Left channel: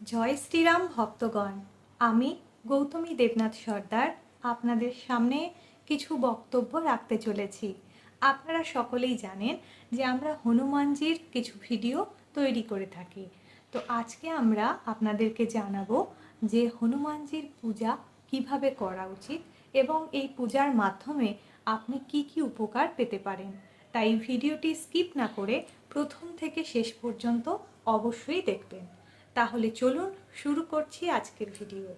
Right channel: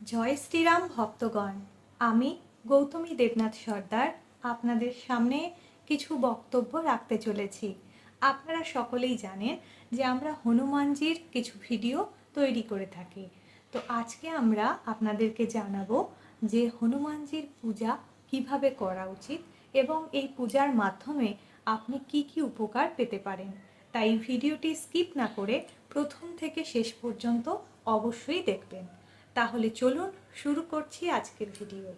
জয় শ্রীরাম ভক্তগণ। আমি গৌতমী দেবনাথ সর্দার আপনাদের সামনে কিছু বক্তব্য রাখতে চলেছি। আপনারা সকলেই জানেন যে আমরা হনুমানজির কিছু ভিডিও তৈরি করে থাকি। তো আজকে আমরা আপনাদেরকে জানাবো যে হনুমানজির পূজা কিভাবে করা উচিত এবং এই পূজার মাধ্যমে আপনি কি কি উপকার পেতে পারেন। তাই ভিডিওটি স্কিপ না করে প্রথম থেকে শেষ পর্যন্ত অবশ্যই দেখবেন। তাহলে চলুন শুরু করছি আজকের ভিডিও।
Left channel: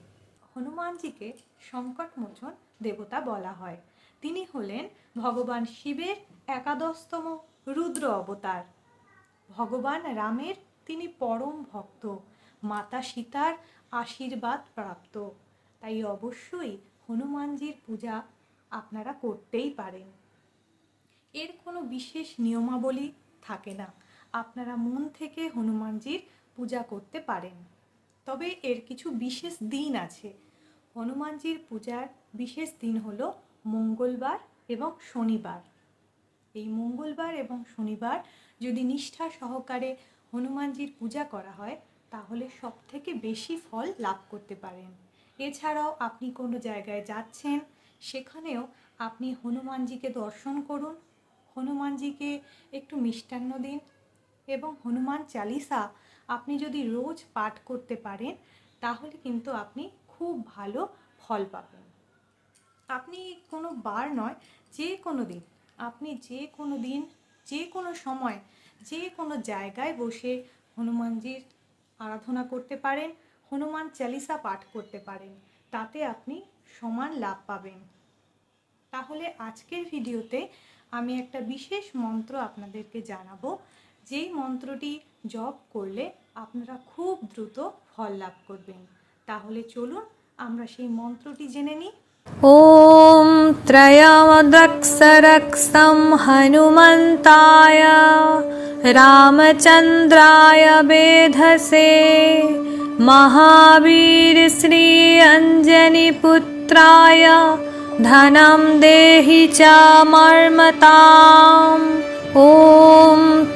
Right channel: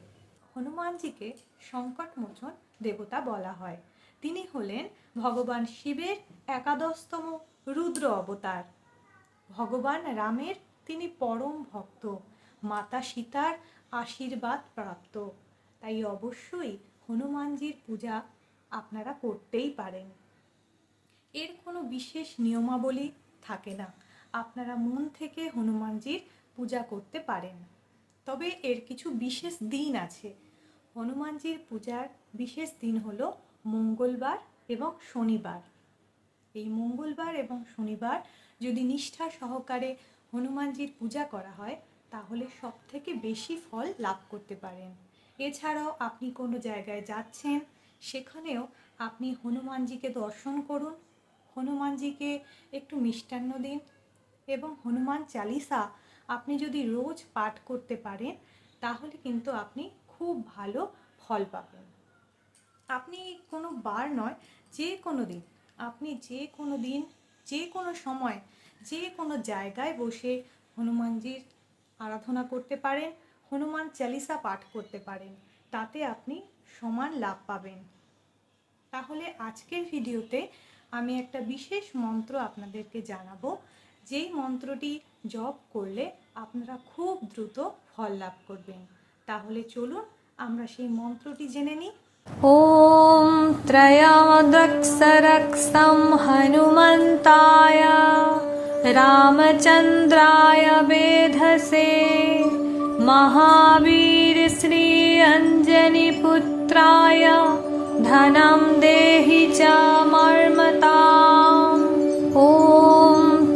হনুমানজিকে সংকটমোচন দেবতা বলা হয়। তিনি হলেন ভগবান শিবের একাদশতম রুদ্র অবতার। ভগবান রামের তিনি পরম ভক্ত, মাতা সীতার আশীর্বাদ প্রাপ্ত। তাই অবশ্যই হনুমানজির পূজা আপনারা করতেই পারেন। এর কোনো বিশেষ নিয়মাবলী থাকে না, আপনারা মন থেকে হনুমানজির পূজা করতে পারেন। তবে এর কিছু বিশেষ দিন আছে। হনুমানজির পূজার বিশেষ দিন হলো মঙ্গলবার এবং শনিবার। এই মঙ্গলবার এবং শনিবার যদি নিষ্ঠা সহকারে হনুমানজির পূজা করা হয় তাহলে সবথেকে বেশি ফল লাভ করতে পারেন। এছাড়াও আপনি কোনো জায়গায় যাচ্ছেন, সেখানেও আপনি হনুমানজিকে দর্শন করুন, হনুমানজিকে একটু মিষ্টান্ন দিন এবং হনুমান চালিসা আপনি যদি রোজ পাঠ করতে পারেন তাহলে কিন্তু আপনি খুব ভালো ফল পাবেন। আপনি কোনো বার নয়, যে কোনো দিন, আপনি যে কোনো দিন, যে কোনো সময়, যে কোনো জায়গায় বসে হনুমানজির আরাধনা করতে পারেন, হনুমান চালিসা পাঠ করতে পারেন, তাতে আপনি সমান লাভ পাবেন। তাহলে আজকের ভিডিওতে আমি একটা বিশেষ মন্ত্র আপনাদেরকে জানাবো, যেই মন্ত্রটি জপ করলে আপনারা খুব দ্রুত ফল লাভ করবেন। তাহলে চলুন আমরা সেই মন্ত্রটি জেনে নিই। ॐ त्रयमदक्षरक्षं हनुमन्ताय रामचन्द्राय वेधसे महावीर श्री अञ्जनीपुत्राय धनं देहि च मर्मताम्। ॐ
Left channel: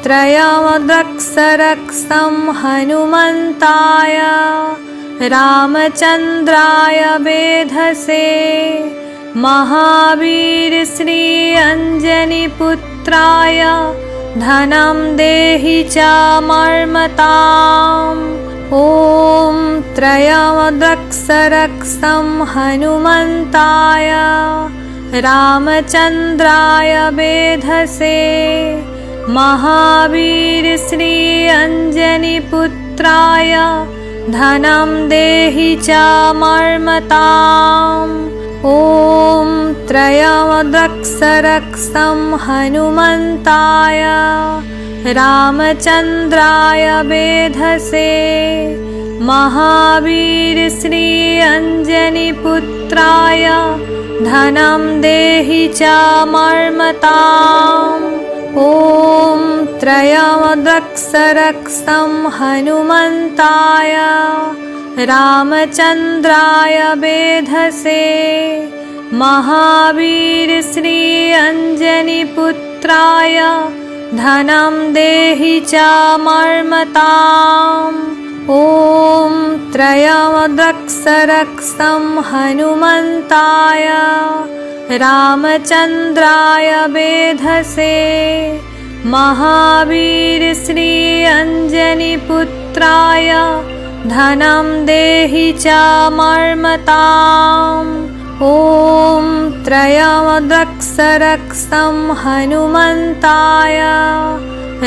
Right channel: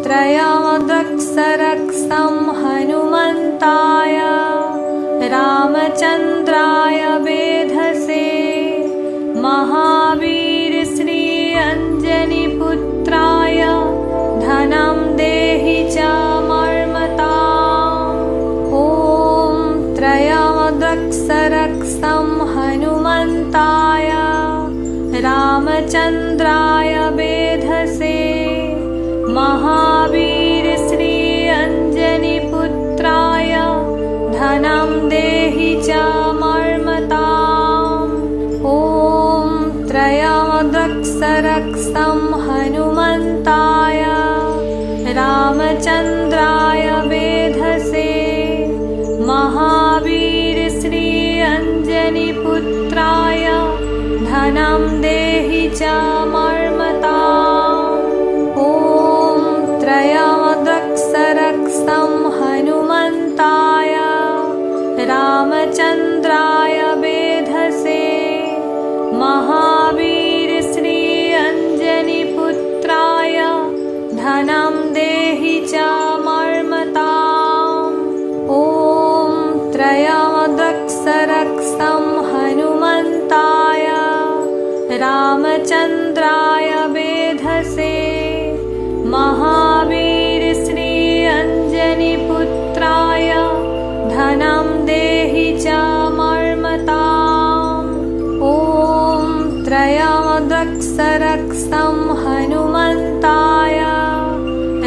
त्रयमदक्षरक्षं हनुमन्ताय रामचन्द्राय वेधसे महावीर श्री अञ्जनीपुत्राय धनं देहि च मर्मताम्। ॐ त्रयमदक्षरक्षं हनुमन्ताय रामचन्द्राय वेधसे महावीर श्री अञ्जनीपुत्राय धनं देहि च मर्मताम्। ॐ त्रयमदक्षरक्षं हनुमन्ताय रामचन्द्राय वेधसे महावीर श्री अञ्जनीपुत्राय धनं देहि च मर्मताम्। ॐ त्रयमदक्षरक्षं हनुमन्ताय रामचन्द्राय वेधसे महावीर श्री अञ्जनीपुत्राय धनं देहि च मर्मताम्। ॐ त्रयमदक्षरक्षं हनुमन्ताय रामचन्द्राय वेधसे महावीर श्री अञ्जनीपुत्राय धनं देहि च मर्मताम्। ॐ त्रयमदक्षरक्षं हनुमन्ताय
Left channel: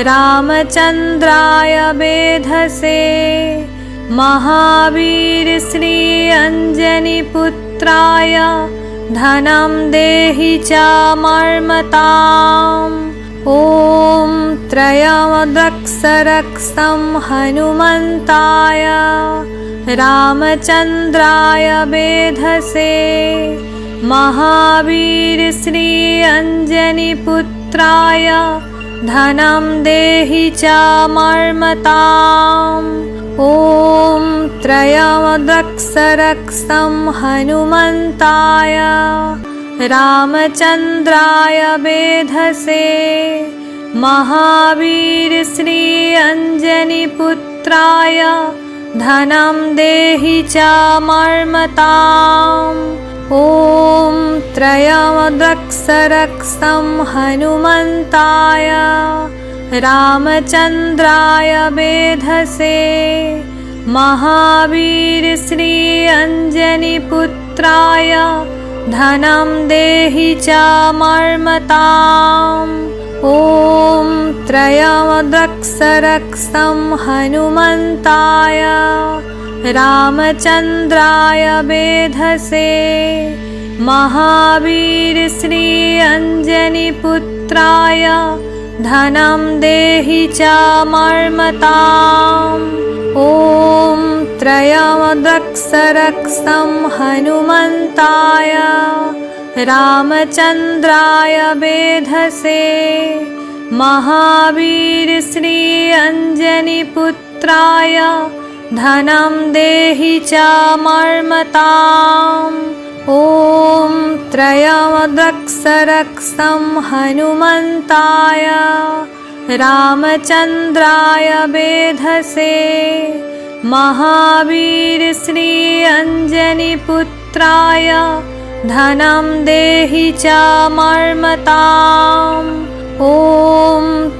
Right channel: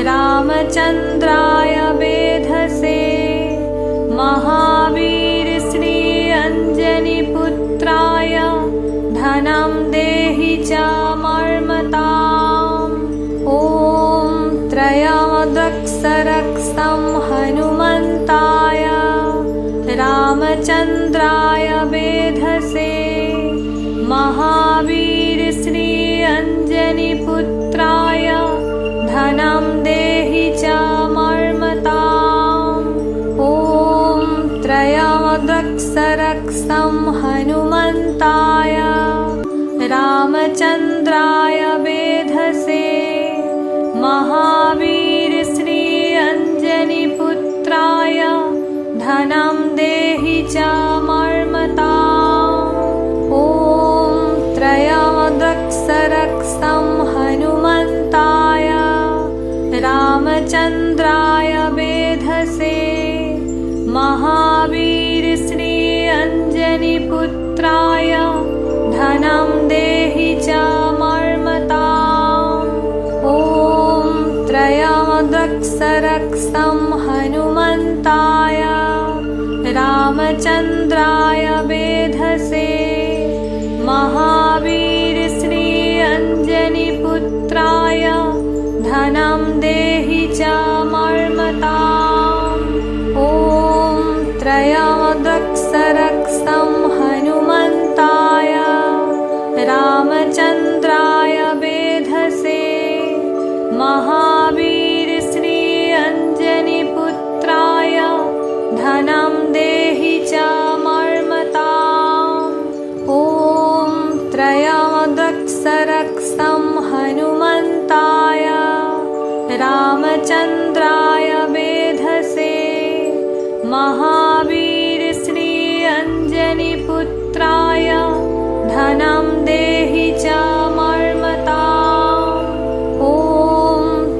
रामचन्द्राय वेधसे महावीर श्री अञ्जनीपुत्राय धनं देहि च मर्मताम्। ॐ त्रयमदक्षरक्षं हनुमन्ताय रामचन्द्राय वेधसे महावीर श्री अञ्जनीपुत्राय धनं देहि च मर्मताम्। ॐ त्रयमदक्षरक्षं हनुमन्ताय रामचन्द्राय वेधसे महावीर श्री अञ्जनीपुत्राय धनं देहि चामर्मताम् ॐ त्रयमद्रक्सरक्सं हनुमन्ताय रामचन्द्राय वेधसे महावीर श्री अंजनीपुत्राय धनं देहि चामर्मताम् ॐ त्रयमद्रक्सरक्सं हनुमन्ताय रामचन्द्राय वेधसे महावीर श्री अंजनीपुत्राय धनं देहि चामर्मताम् ॐ त्रयमद्रक्सरक्सं हनुमन्ताय रामचन्द्राय वेधसे महावीर श्री अंजनीपुत्राय धनं देहि चामर्मताम् ॐ त्रयमद्रक्सरक्सं हनुमन्ताय रामचन्द्राय वेधसे महावीर श्री अंजनीपुत्राय धनं देहि चामर्मताम् ॐ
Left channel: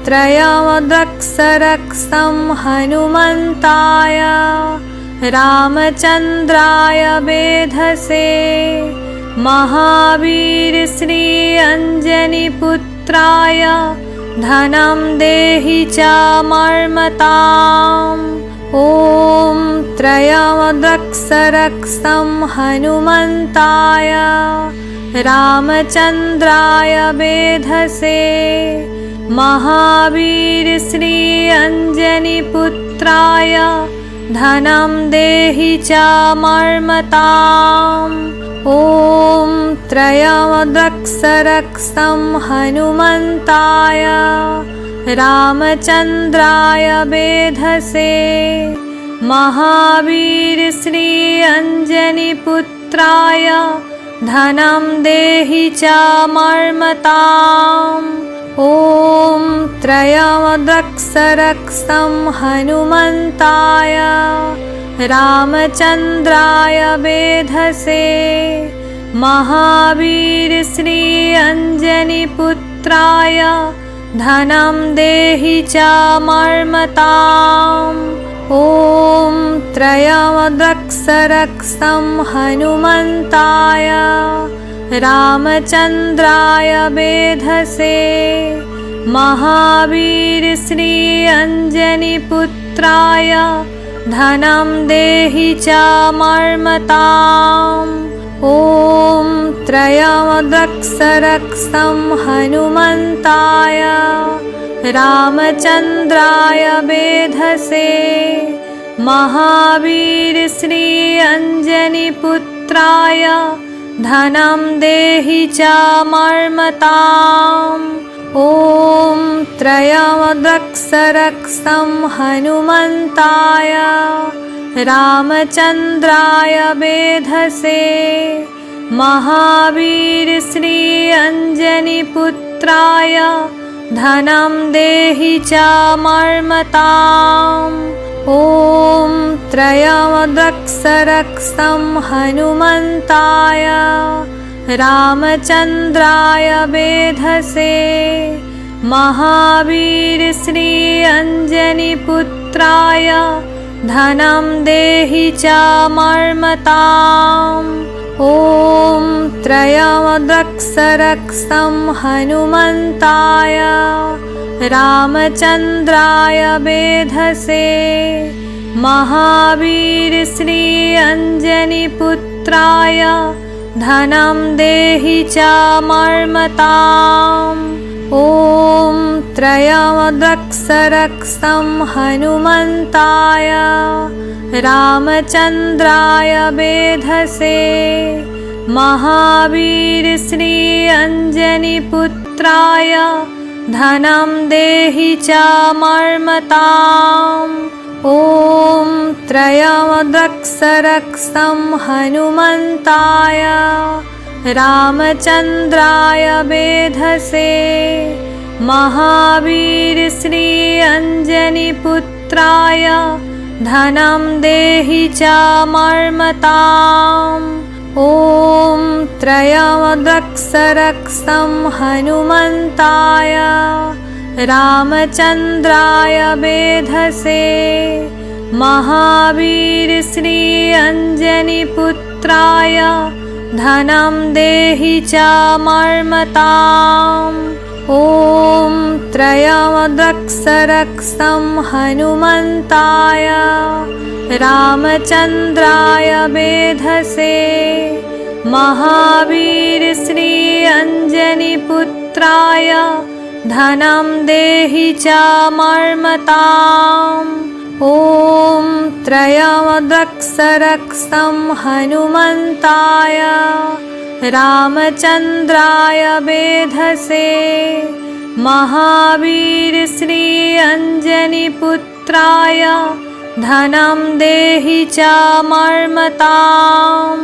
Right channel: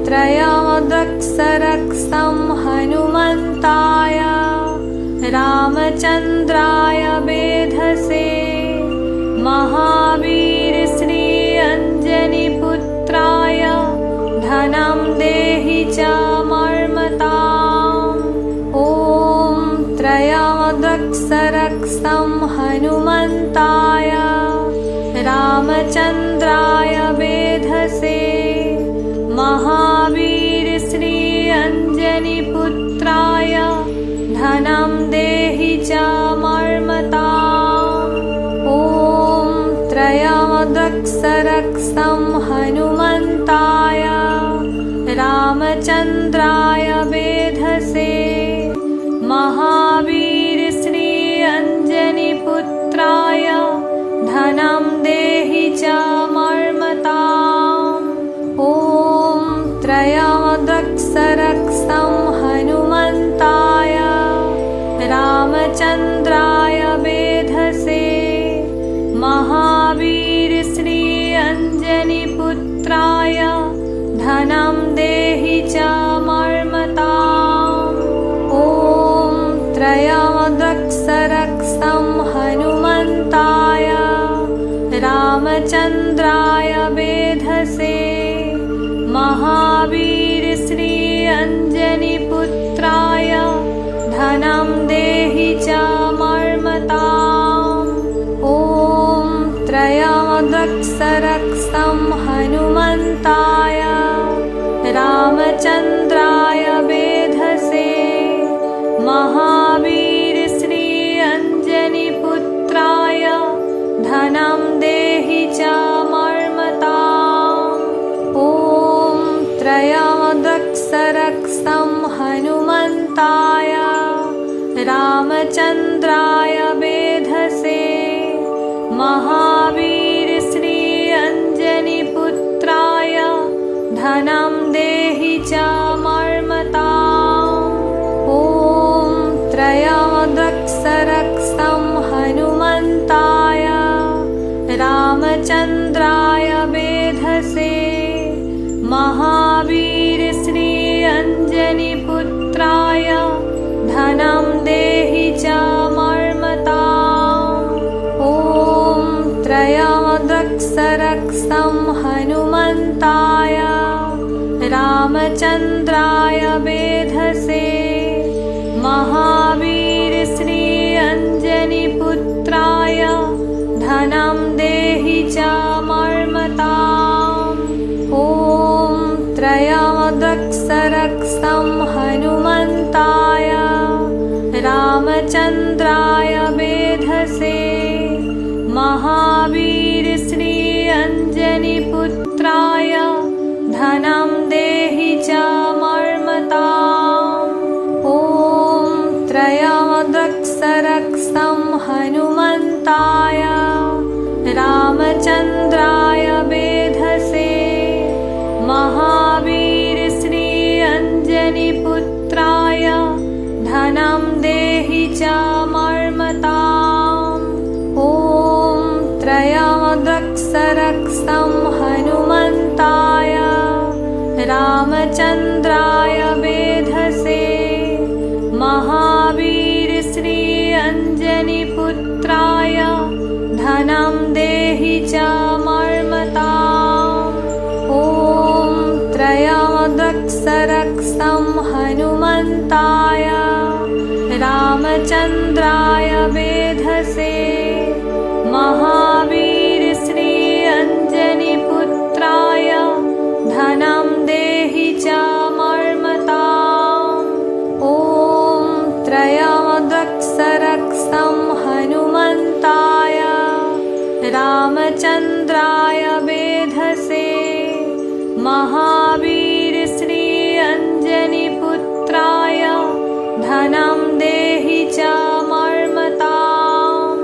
त्रयमद्रक्सरक्सं हनुमन्ताय रामचन्द्राय वेधसे महावीर श्री अंजनीपुत्राय धनं देहि चामर्मताम् ॐ त्रयमद्रक्सरक्सं हनुमन्ताय रामचन्द्राय वेधसे महावीर श्री अंजनीपुत्राय धनं देहि चामर्मताम् ॐ त्रयमद्रक्सरक्सं हनुमन्ताय रामचन्द्राय वेधसे महावीर श्री अंजनीपुत्राय धनं देहि चामर्मताम् ॐ त्रयमद्रक्सरक्सं हनुमन्ताय रामचन्द्राय वेधसे महावीर श्री अंजनीपुत्राय धनं देहि चामर्मताम् ॐ त्रयमद्रक्सरक्सं हनुमन्ताय रामचन्द्राय वेधसे महावीर श्री अंजनीपुत्राय धनं देहि चामर्मताम् ॐ त्रयमद्रक्सरक्सं हनुमन्ताय रामचन्द्राय वेधसे महावीर श्री अंजनीपुत्राय धनं देहि चामर्मताम् ॐ त्रयमद्रक्सरक्सं हनुमन्ताय रामचन्द्राय वेधसे महावीर श्री अंजनीपुत्राय धनं देहि चामर्मताम् ॐ त्रयमद्रक्सरक्सं हनुमन्ताय रामचन्द्राय वेधसे महावीर श्री अंजनीपुत्राय धनं देहि चामर्मताम् ॐ त्रयमद्रक्सरक्सं हनुमन्ताय रामचन्द्राय वेधसे महावीर श्री अंजनीपुत्राय धनं देहि चामर्मताम् ॐ त्रयमद्रक्सरक्सं हनुमन्ताय रामचन्द्राय वेधसे महावीर श्री अंजनीपुत्राय धनं देहि चामर्मताम् ॐ त्रयमद्रक्सरक्सं हनुमन्ताय रामचन्द्राय वेधसे महावीर श्री अंजनीपुत्राय धनं देहि चामर्मताम् ॐ त्रयमदक्षरक्षं हनुमन्ताय रामचन्द्राय वेधसे महावीर श्री अंजनीपुत्राय धनं देहि चामर्मताम् ॐ त्रयमदक्षरक्षं हनुमन्ताय रामचन्द्राय वेधसे महावीर श्री अंजनीपुत्राय धनं देहि चामर्मताम् ॐ त्रयमदक्षरक्षं हनुमन्ताय रामचन्द्राय वेधसे महावीर श्री अंजनीपुत्राय धनं देहि चामर्मताम्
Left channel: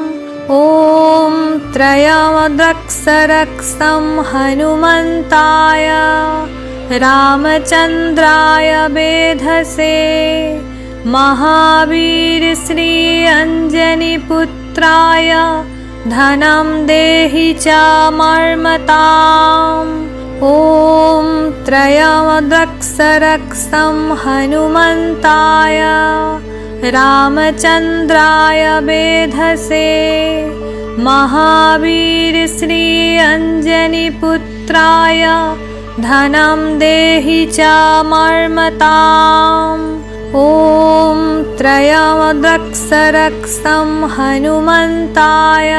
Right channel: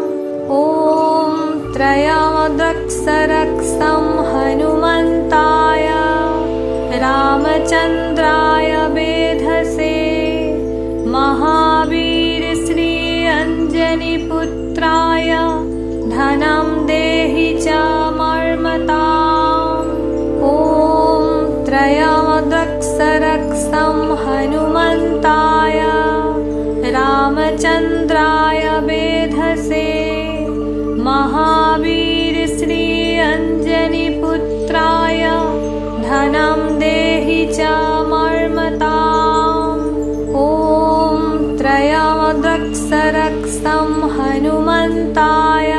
ॐ त्रयमदक्षरक्षं हनुमन्ताय रामचन्द्राय वेधसे महावीर श्री अंजनीपुत्राय धनं देहि चामर्मताम् ॐ त्रयमदक्षरक्षं हनुमन्ताय रामचन्द्राय वेधसे महावीर श्री अंजनीपुत्राय धनं देहि चामर्मताम् ॐ त्रयमदक्षरक्षं हनुमन्ताय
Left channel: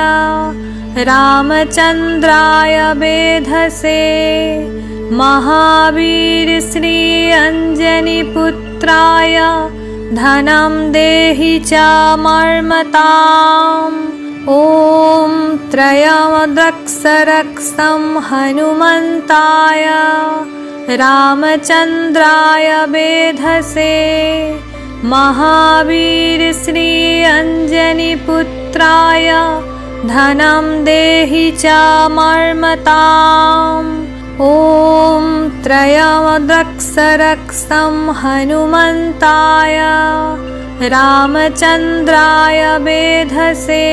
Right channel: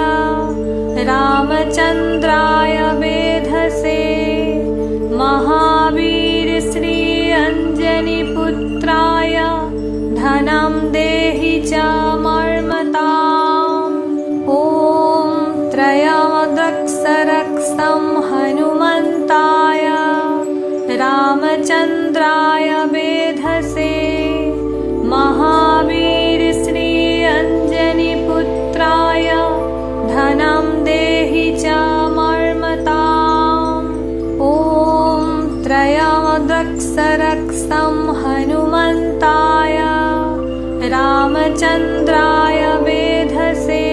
रामचन्द्राय वेधसे महावीर श्री अंजनीपुत्राय धनं देहि चामर्मताम् ॐ त्रयमदक्षरक्षं हनुमन्ताय रामचन्द्राय वेधसे महावीर श्री अंजनीपुत्राय धनं देहि चामर्मताम् ॐ त्रयमदक्षरक्षं हनुमन्ताय रामचन्द्राय वेधसे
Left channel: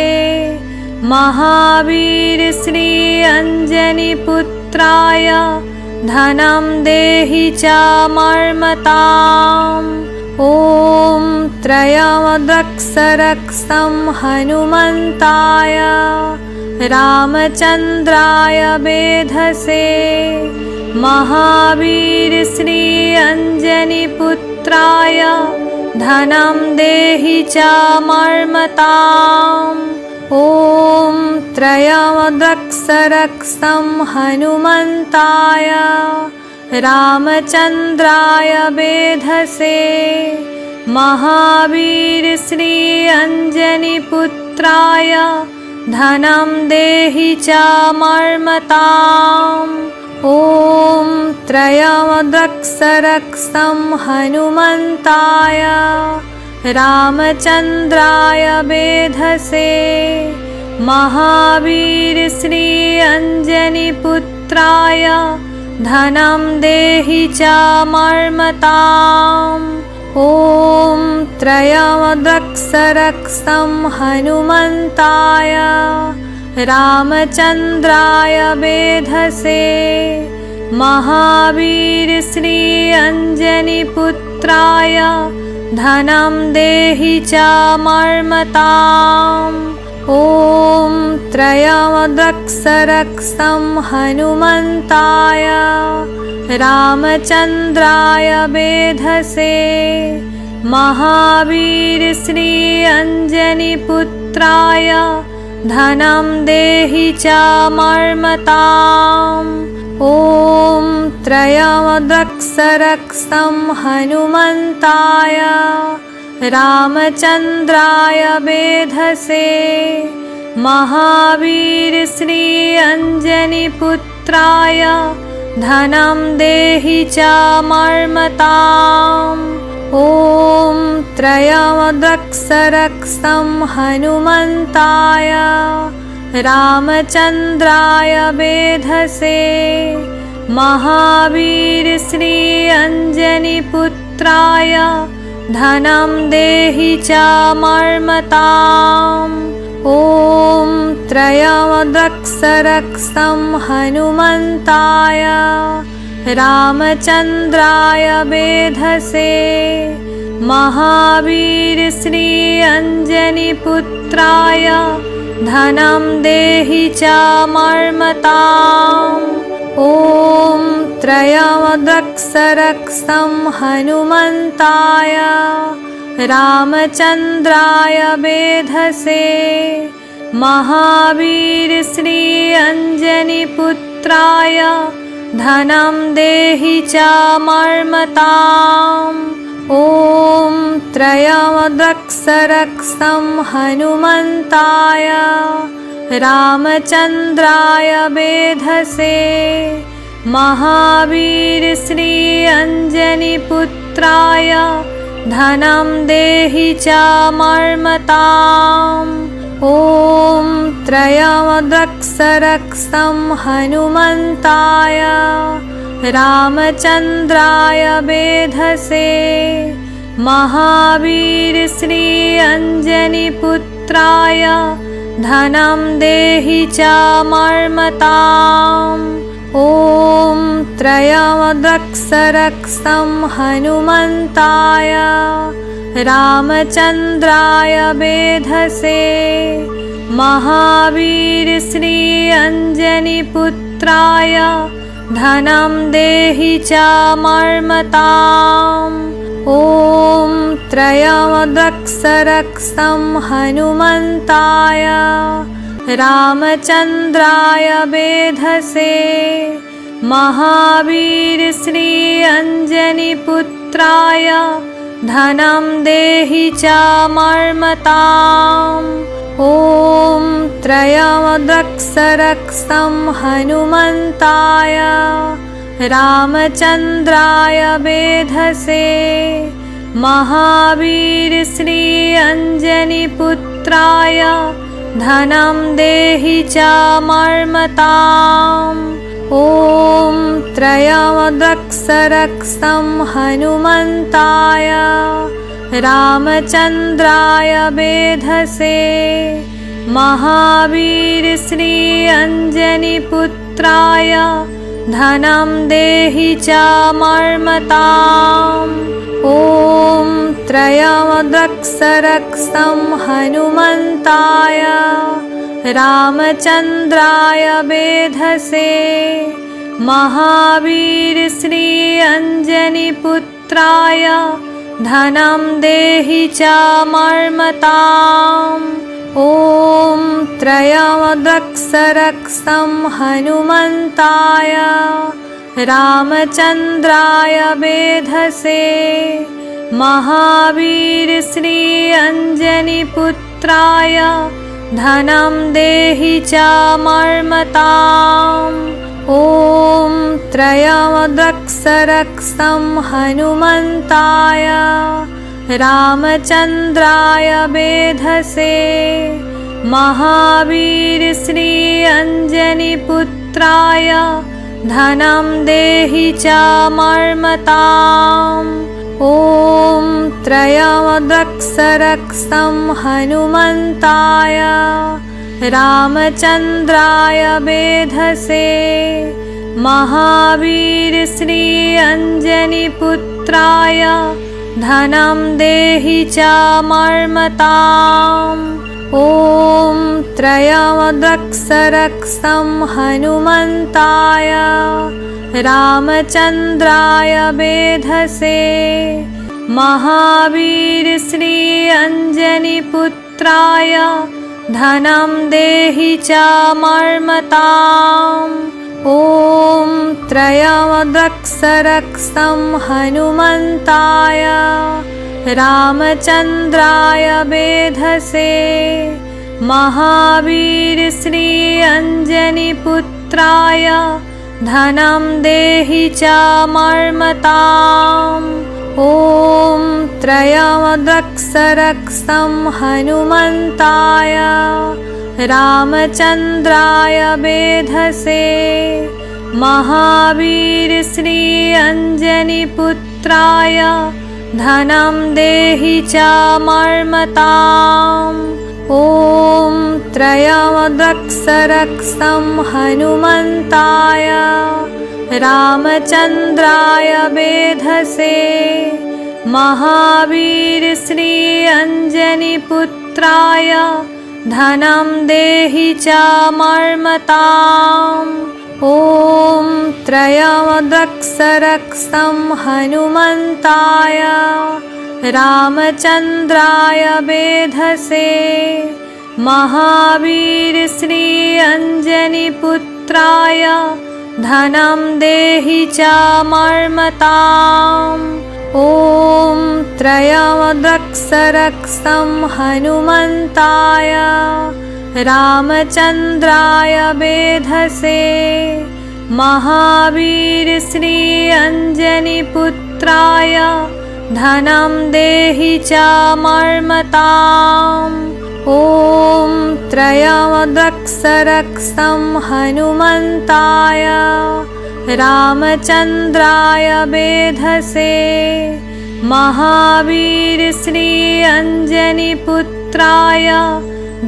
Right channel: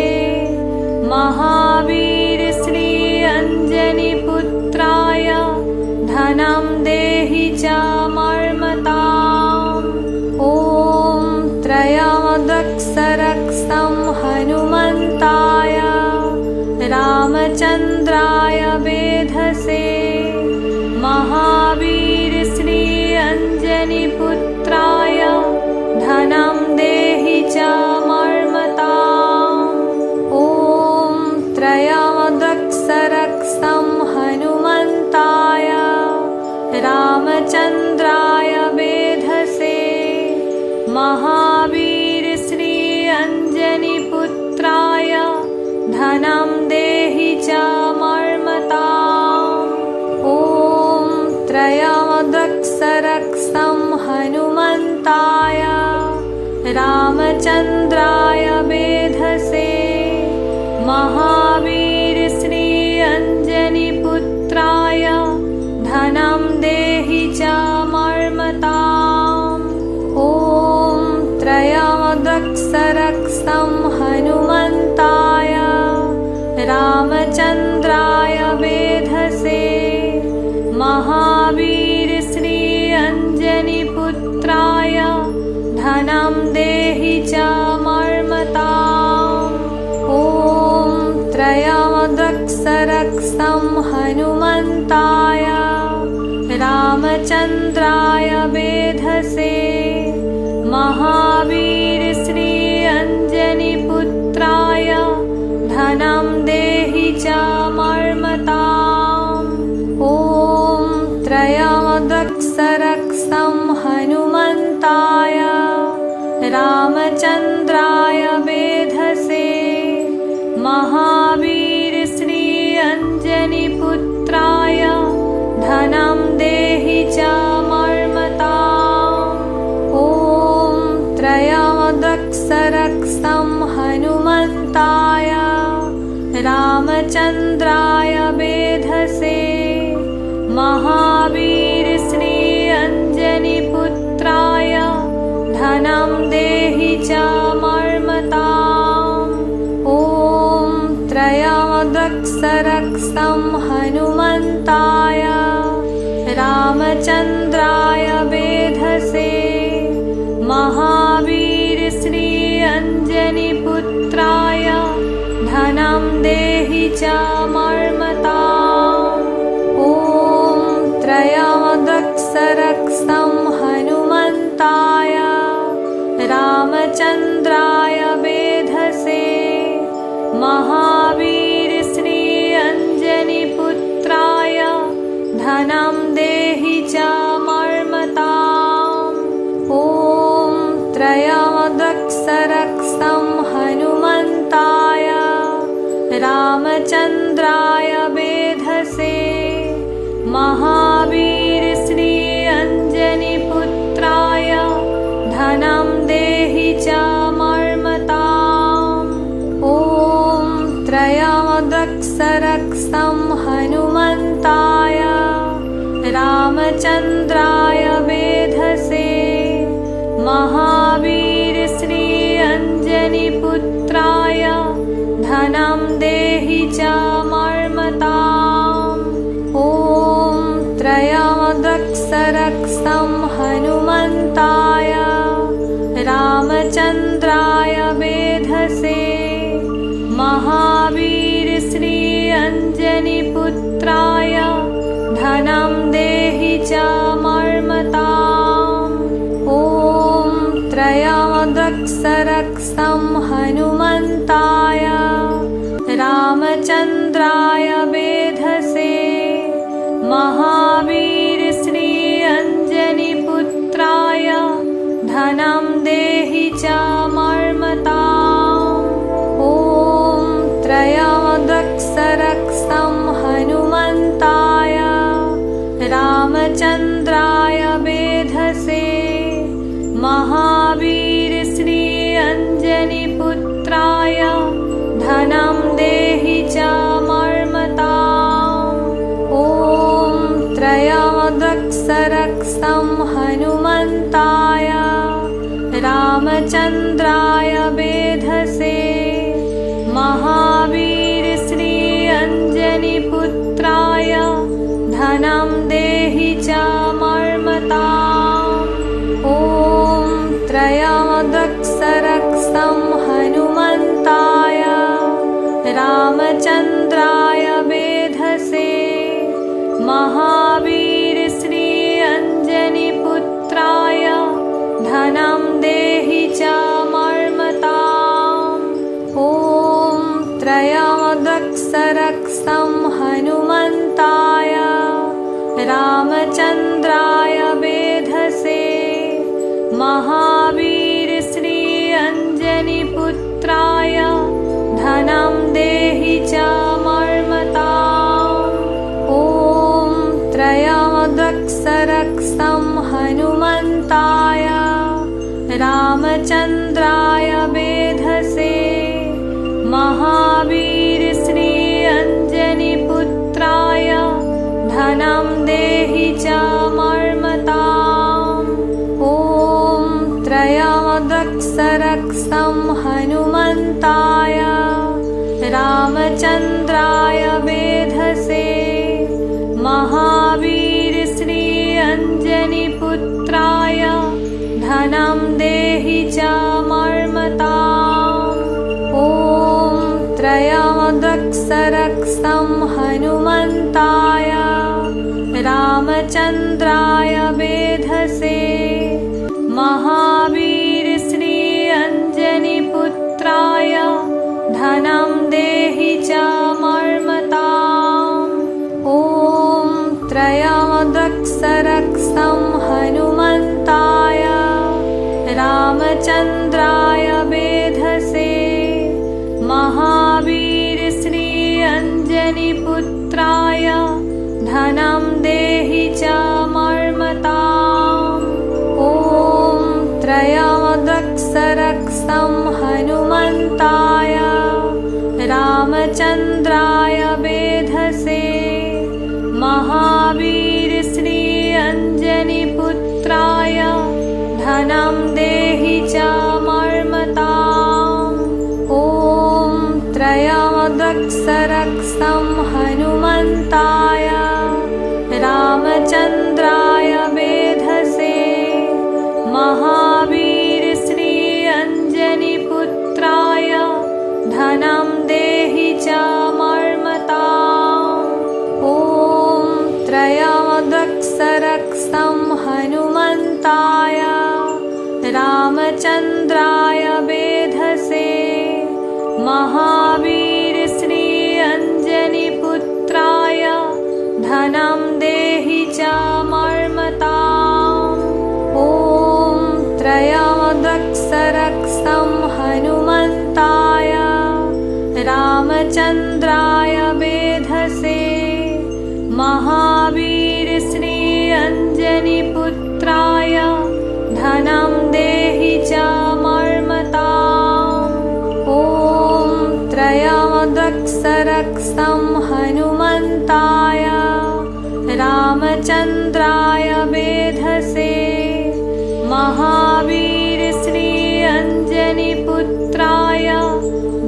महावीर श्री अंजनीपुत्राय धनं देहि चामर्मताम् ॐ त्रयमदक्षरक्षं हनुमन्ताय रामचन्द्राय वेधसे महावीर श्री अंजनीपुत्राय धनं देहि चामर्मताम् ॐ त्रयमदक्षरक्षं हनुमन्ताय रामचन्द्राय वेधसे महावीर श्री अंजनीपुत्राय धनं देहि चामर्मताम् ॐ त्रयमदक्षरक्षं हनुमन्ताय रामचन्द्राय वेधसे महावीर श्री अंजनीपुत्राय धनं देहि चामर्मताम् ॐ त्रयमदक्षरक्षं हनुमन्ताय रामचन्द्राय वेधसे महावीर श्री अंजनीपुत्राय धनं देहि चामर्मताम् ॐ त्रयमदक्षरक्षं हनुमन्ताय रामचन्द्राय वेधसे महावीर श्री अंजनीपुत्राय धनं देहि चामर्मताम् ॐ त्रयमदक्षरक्षं हनुमन्ताय रामचन्द्राय वेधसे महावीर श्री अंजनीपुत्राय धनं देहि चामर्मताम् ॐ त्रयमदक्षरक्षं हनुमन्ताय रामचन्द्राय वेधसे महावीर श्री अंजनीपुत्राय धनं देहि चामर्मताम् ॐ त्रयमदक्षरक्षं हनुमन्ताय रामचन्द्राय वेधसे महावीर श्री अंजनीपुत्राय धनं देहि चामर्मताम् ॐ त्रयमदक्षरक्षं हनुमन्ताय रामचन्द्राय वेधसे महावीर श्री अंजनीपुत्राय धनं देहि चामर्मताम् ॐ त्रयमदक्षरक्षं हनुमन्ताय रामचन्द्राय वेधसे महावीर श्री अंजनीपुत्राय धनं देहि चामर्मताम् ॐ त्रयमदक्षरक्षं हनुमन्ताय रामचन्द्राय वेधसे महावीर श्री अंजनीपुत्राय धनं देहि चामर्मताम् ॐ त्रयमदक्षरक्षं हनुमन्ताय रामचन्द्राय वेधसे महावीर श्री अंजनीपुत्राय धनं देहि चामर्मताम् ॐ त्रयमदक्षरक्षं हनुमन्ताय रामचन्द्राय वेधसे महावीर श्री अंजनीपुत्राय धनं देहि चामर्मताम् ॐ त्रयमदक्षरक्षं हनुमन्ताय रामचन्द्राय वेधसे महावीर श्री अंजनीपुत्राय धनं देहि चामर्मताम् ॐ त्रयमदक्षरक्षं हनुमन्ताय रामचन्द्राय वेधसे महावीर श्री अंजनीपुत्राय धनं देहि चामर्मताम् ॐ त्रयमदक्षरक्षं हनुमन्ताय रामचन्द्राय वेधसे महावीर श्री अंजनीपुत्राय धनं देहि चामर्मताम् ॐ त्रयमदक्षरक्षं हनुमन्ताय रामचन्द्राय वेधसे महावीर श्री अंजनीपुत्राय धनं देहि चामर्मताम् ॐ त्रयमदक्षरक्षं हनुमन्ताय रामचन्द्राय वेधसे महावीर श्री अंजनीपुत्राय धनं देहि चामर्मताम् ॐ त्रयमदक्षरक्षं हनुमन्ताय रामचन्द्राय वेधसे महावीर श्री अंजनीपुत्राय धनं देहि चामर्मताम् ॐ त्रयमदक्षरक्षं हनुमन्ताय रामचन्द्राय वेधसे महावीर श्री अंजनीपुत्राय धनं देहि चामर्मताम् ॐ त्रयमदक्षरक्षं हनुमन्ताय रामचन्द्राय वेधसे महावीर श्री अंजनीपुत्राय धनं देहि चामर्मताम् ॐ त्रयमदक्षरक्षं हनुमन्ताय रामचन्द्राय वेधसे महावीर श्री अंजनीपुत्राय धनं देहि चामर्मताम् ॐ त्रयमदक्षरक्षं हनुमन्ताय रामचन्द्राय वेधसे महावीर श्री अंजनीपुत्राय धनं देहि चामर्मताम् ॐ त्रयमदक्षरक्षं हनुमन्ताय रामचन्द्राय वेधसे महावीर श्री अंजनीपुत्राय धनं देहि चामर्मताम् ॐ त्रयमदक्षरक्षं हनुमन्ताय रामचन्द्राय वेधसे महावीर श्री अंजनीपुत्राय धनं देहि चामर्मताम् ॐ त्रयमदक्षरक्षं हनुमन्ताय रामचन्द्राय वेधसे महावीर श्री अंजनीपुत्राय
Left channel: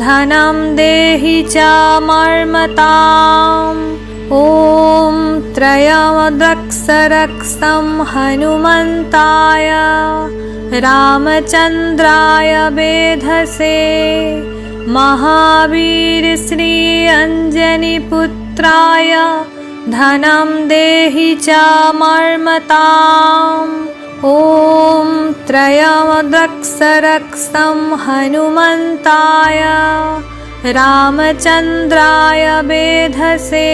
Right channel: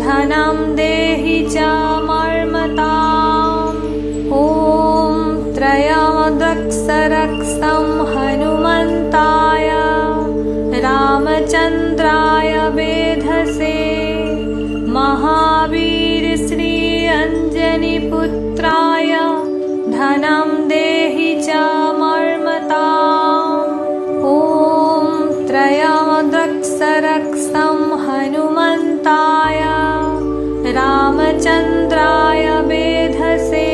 धनं देहि चामर्मताम् ॐ त्रयमदक्षरक्षं हनुमन्ताय रामचन्द्राय वेधसे महावीर श्री अंजनीपुत्राय धनं देहि चामर्मताम् ॐ त्रयमदक्षरक्षं हनुमन्ताय रामचन्द्राय वेधसे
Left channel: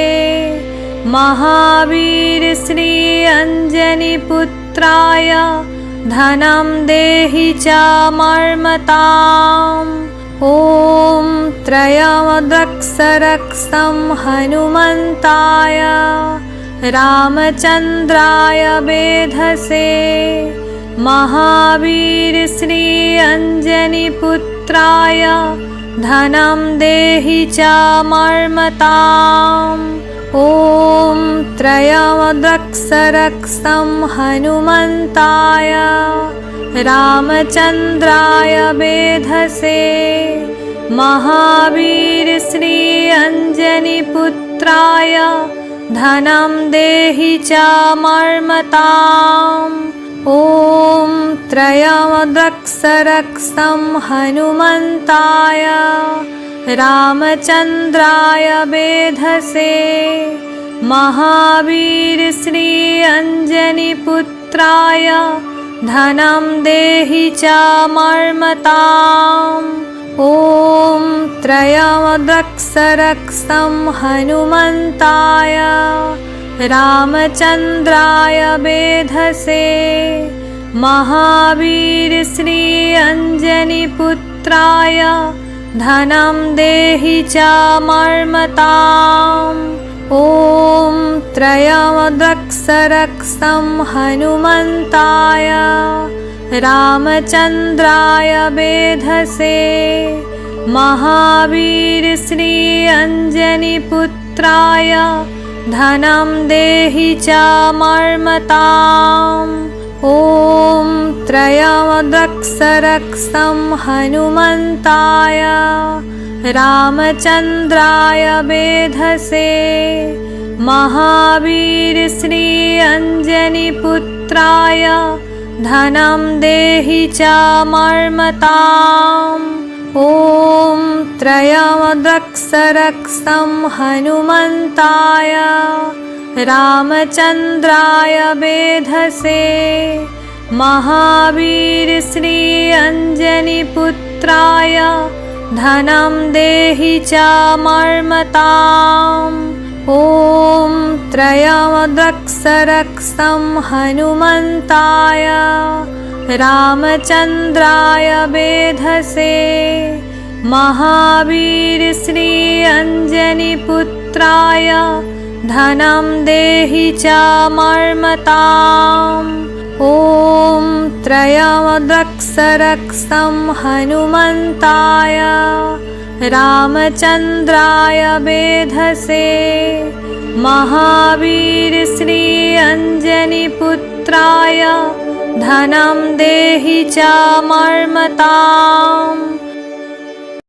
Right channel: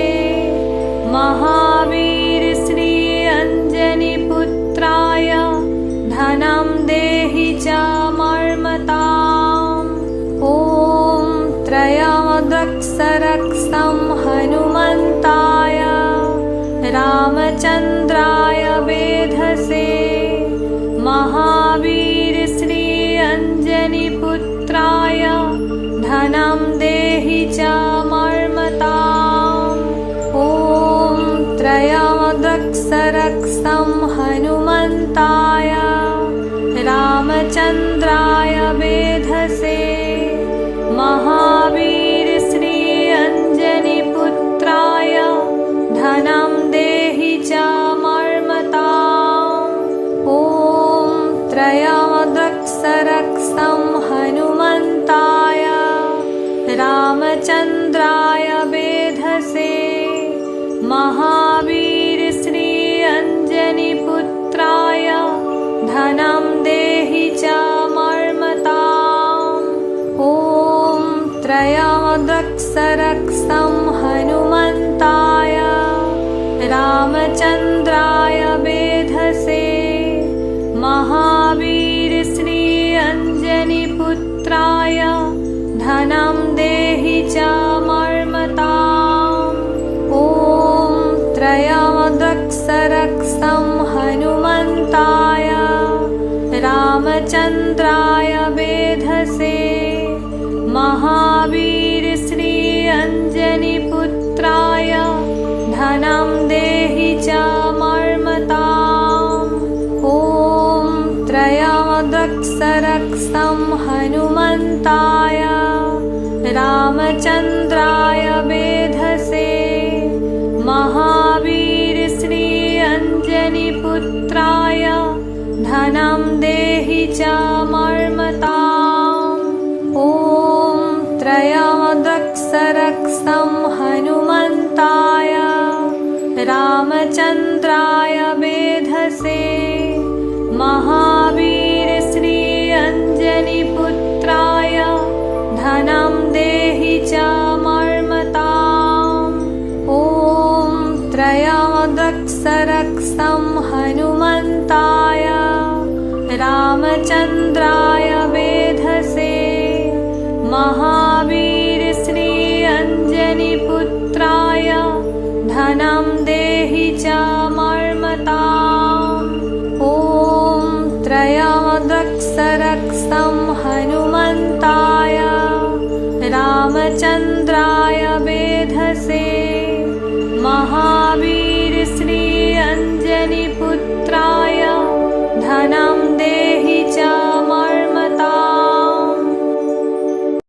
महावीर श्री अंजनीपुत्राय धनं देहि चामर्मताम् ॐ त्रयमदक्षरक्षं हनुमन्ताय रामचन्द्राय वेधसे महावीर श्री अंजनीपुत्राय धनं देहि चामर्मताम् ॐ त्रयमदक्षरक्षं हनुमन्ताय रामचन्द्राय वेधसे महावीर श्री अंजनीपुत्राय धनं देहि चामर्मताम् ॐ त्रयमदक्षरक्षं हनुमन्ताय रामचन्द्राय वेधसे महावीर श्री अंजनीपुत्राय धनं देहि चामर्मताम् ॐ त्रयमदक्षरक्षं हनुमन्ताय रामचन्द्राय वेधसे महावीर श्री अंजनीपुत्राय धनं देहि चामर्मताम् ॐ त्रयमदक्षरक्षं हनुमन्ताय रामचन्द्राय वेधसे महावीर श्री अंजनीपुत्राय धनं देहि चामर्मताम् ॐ त्रयमदक्षरक्षं हनुमन्ताय रामचन्द्राय वेधसे महावीर श्री अंजनीपुत्राय धनं देहि चामर्मताम् ॐ त्रयमदक्षरक्षं हनुमन्ताय रामचन्द्राय वेधसे महावीर श्री अंजनीपुत्राय धनं देहि चामर्मताम् ॐ त्रयमदक्षरक्षं हनुमन्ताय रामचन्द्राय वेधसे महावीर श्री अंजनीपुत्राय धनं देहि चामर्मताम् ॐ त्रयमदक्षरक्षं हनुमन्ताय रामचन्द्राय वेधसे महावीर श्री अंजनीपुत्राय धनं देहि च मर्मताम्